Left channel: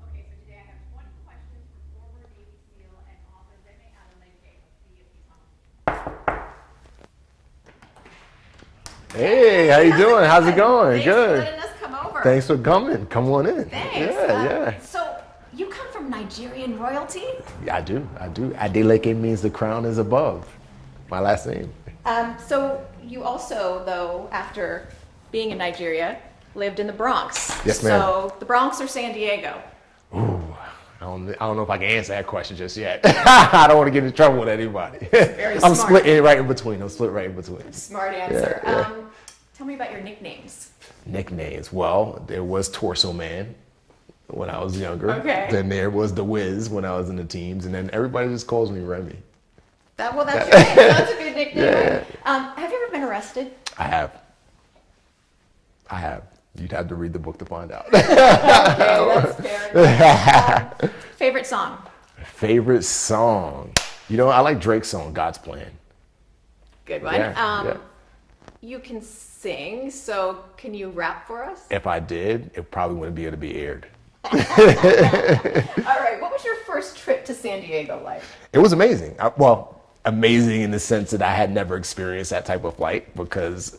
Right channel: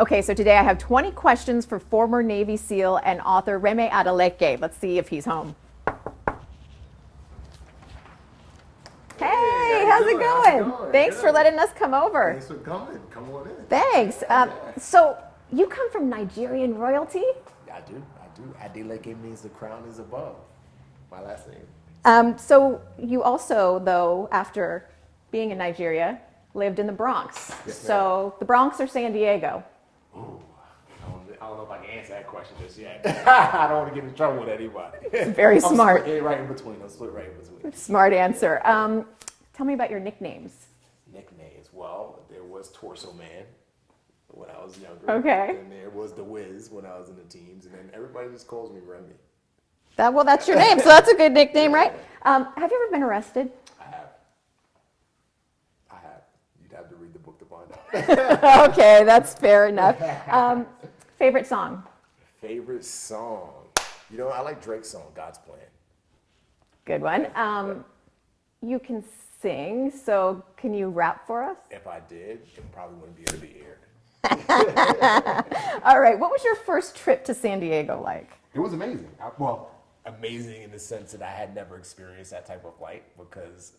Okay, so today I have 20 questions for former Navy SEAL and author Remi Adeleke. Let's see if he's home. Hey, how you doing? How's it going? Thanks Good. for letting us come over. Thanks for coming. Come on in. Thanks. Yeah. So you come from Nigerian royalty? I do. Adeleke means the crown is above. My last name. So you also, though, after being in Nigeria, lived in the Bronx. Yes, ma'am. So the Bronx or San Diego? Ooh, I don't know if I can answer that question just yet. I don't want to get in trouble with anybody. Very I'm smart. split right in between. Smart answer. Yeah. Tell me about your nicknames. Nicknames. Well, there was Torso Man when I was younger. Okay. Then there was The Wiz when I was in the teams. And then everybody just calls me Remi. That's your name, so that's a good nickname, Yeah. right? Have you ever been arrested? I have. You'd have to read the book to find out. Okay, that's fair enough. Favorite song? Favorite song? You know, I like Drake's song, God's Plan. Good one. Yeah. You can sing, so can you rap for us? If I did, it probably wouldn't be able to be aired. All right, what was your first trip to San Diego like? It was amazing. Amazing in the sense that I had never experienced that type of flight because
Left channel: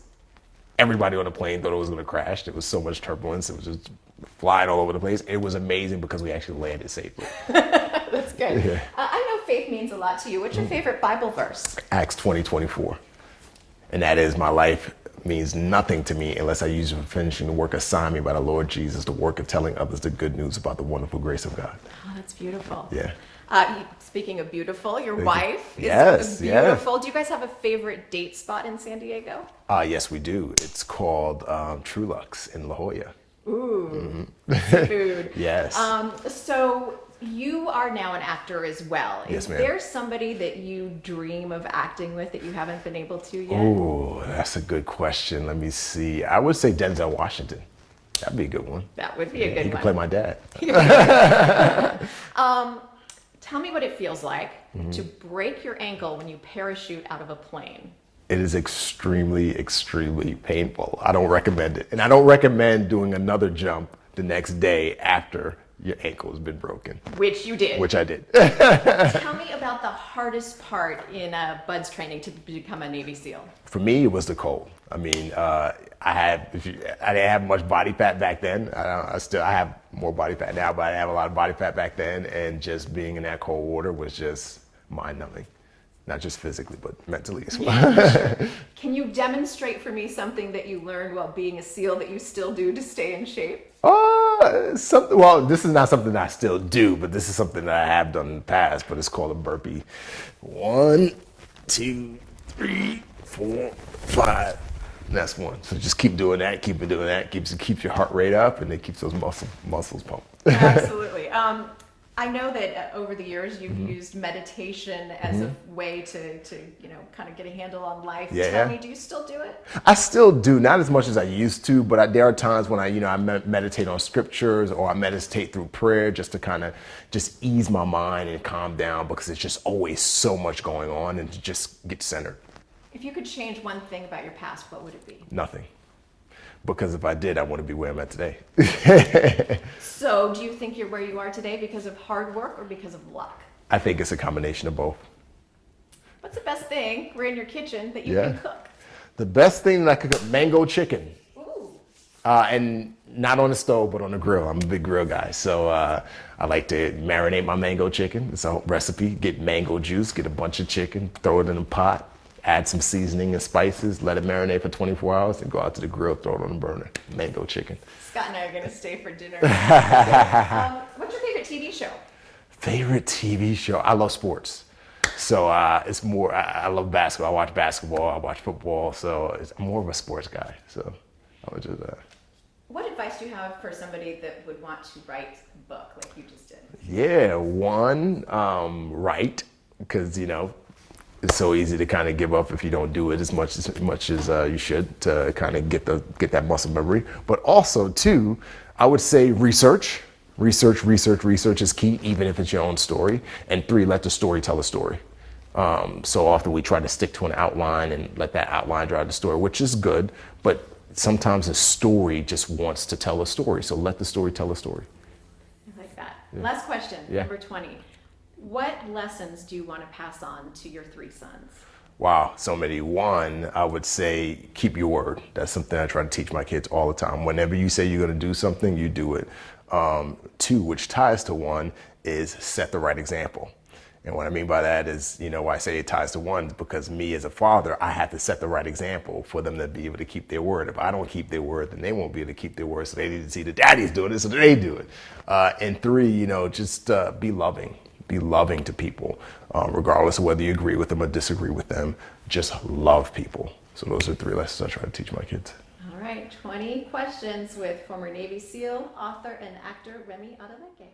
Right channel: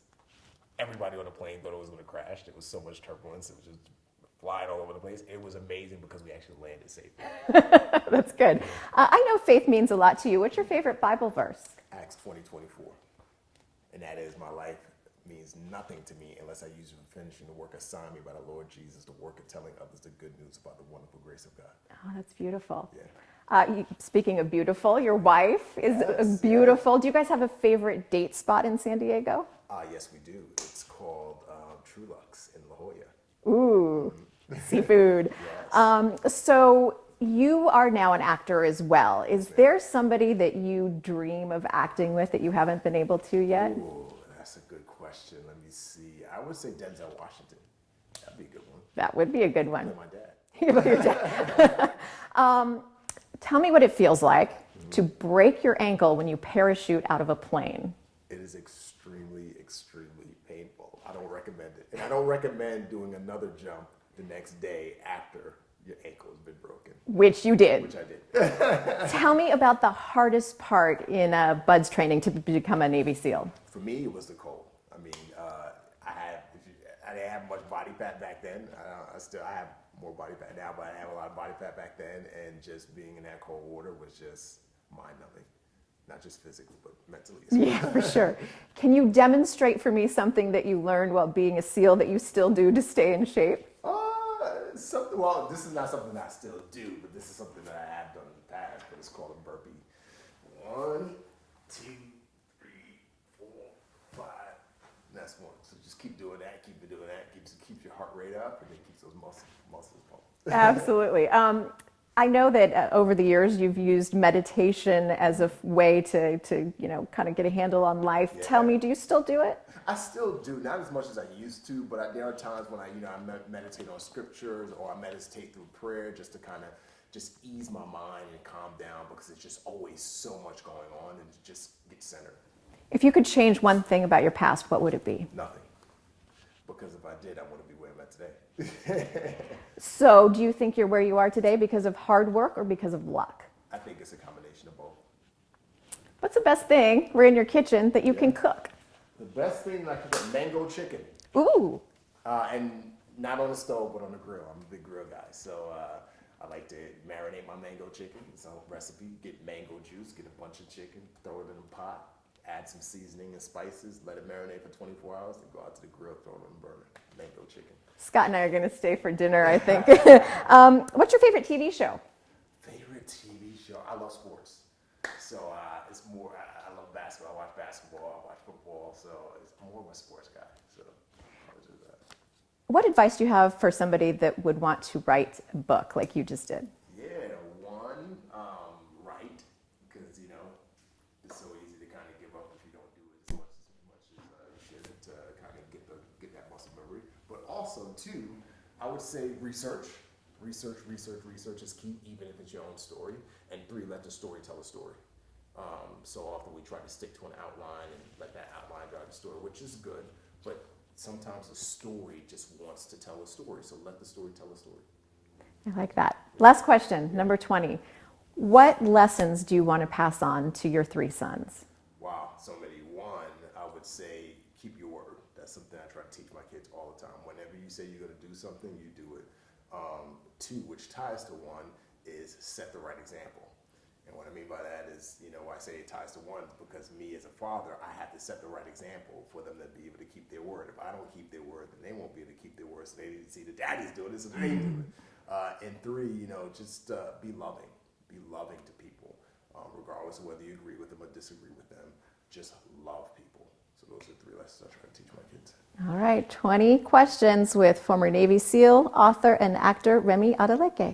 everybody on the plane thought it was going to crash. There was so much turbulence. It was just flying all over the place. It was amazing because we actually landed safely. That's good. Yeah. I know faith means a lot to you. What's your favorite Bible verse? Acts 20:24. And that is, my life means nothing to me unless I use it for finishing the work assigned me by the Lord Jesus, the work of telling others the good news about the wonderful grace of God. Oh, that's beautiful. Yeah. Speaking of beautiful, your wife Yes, is beautiful. Do you guys have a favorite date spot in San Diego? Yes, we do. It's called True Lux in La Jolla. Ooh, seafood. Yes. So you are now an actor as well. Yes, Is ma'am. there somebody that you dream of acting with that you haven't been able to yet? Ooh, that's a good question. Let me see. I would say Denzel Washington. That'd be a good one. That would be a good He could one. play my dad. Tell me what it feels like to break your ankle when you parachute out of a plane. It is extremely, extremely painful. I don't recommend it. And I don't recommend doing another jump the next day after your ankle has been broken, Which you did. which I did. Tell me about the hardest part in Bud's training to become a Navy SEAL. For me, it was the cold. I mean, I didn't have much body fat back then. I have more body fat now, but I didn't have a lot of body fat back then. And just being in that cold water was just mind-numbing. Not just physically, but mentally as well. Sure. Can you demonstrate for me something that you learned while being a SEAL that you still do to stay in shape? Well, this is not something I still do, but this is something that I have done in the past, but it's called a burpee. 1, 2, 3, 4, 5. That's one. So just keep doing that, keeps your heart rate up, and it keeps those muscles pumped. Absolutely. I know that over the years you've used meditation as a way to kind of get a handle on life. Yeah. Tell me, do you still do it? I still do, not as much as I used to, but there are times when I meditate on scriptures or I meditate through prayer just to kind of just ease my mind and calm down because it's just always so much going on and to just get centered. If you could change one thing about your past, what would it be? Nothing. Because if I did, I wouldn't be where I'm at today. So do you think you're where you are today because of hard work or because of luck? I think it's a combination of both. What's the best thing, we're in your kitchen, that you can Yeah. cook? The best thing that I could cook, mango chicken. Ooh. And not on the stove, but on the grill. I'm a big grill guy. So I like to marinate my mango chicken. It's a recipe. Get mango juice, get a bunch of chicken, throw it in a pot, add some seasoning and spices, let it marinate for 24 hours, and go out to the grill, throw it on the burner. Mango chicken. Scott and I are going to stay for dinner, I think. What's your favorite TV show? Favorite TV show? I love sports. So it's more, I love basketball. I watch basketball, I watch football. So I'm more of a sports guy. So I would just... What advice do you have for somebody that would want to write a book like you just did? Yeah, one, write, because, it's so easy to kind of give up if you don't do it as much as you should to kind of get that muscle memory. But also, two, I would say research. Research is key, even if it's your own story. And three, let the story tell a story. So often we try to stick to an outline and let that outline drive the story, which is good, but sometimes a story just wants to tell a story. So let the story tell a story. I like that. Last question, Yeah. number 20. What lessons do you want to pass on to your 3 sons? Wow, so many. One, I would say keep your word. That's something I try to teach my kids all the time. Whenever you say you're going to do something, you do it. Two, which ties to one, is set the right example. And what I mean by that is, why I say it ties to one, because me as a father, I have to set the right example for them to be able to keep their word. If I don't keep their word, then they won't be able to keep their word. So they need to see the daddy's doing it, so they do it. And three, just be loving. Be loving to people, regardless of whether you agree with them or disagree with them. Just love people. So those are 3 lessons I try to teach my kids. All right, 20 questions with former Navy SEAL, author, and actor Remi Adeleke.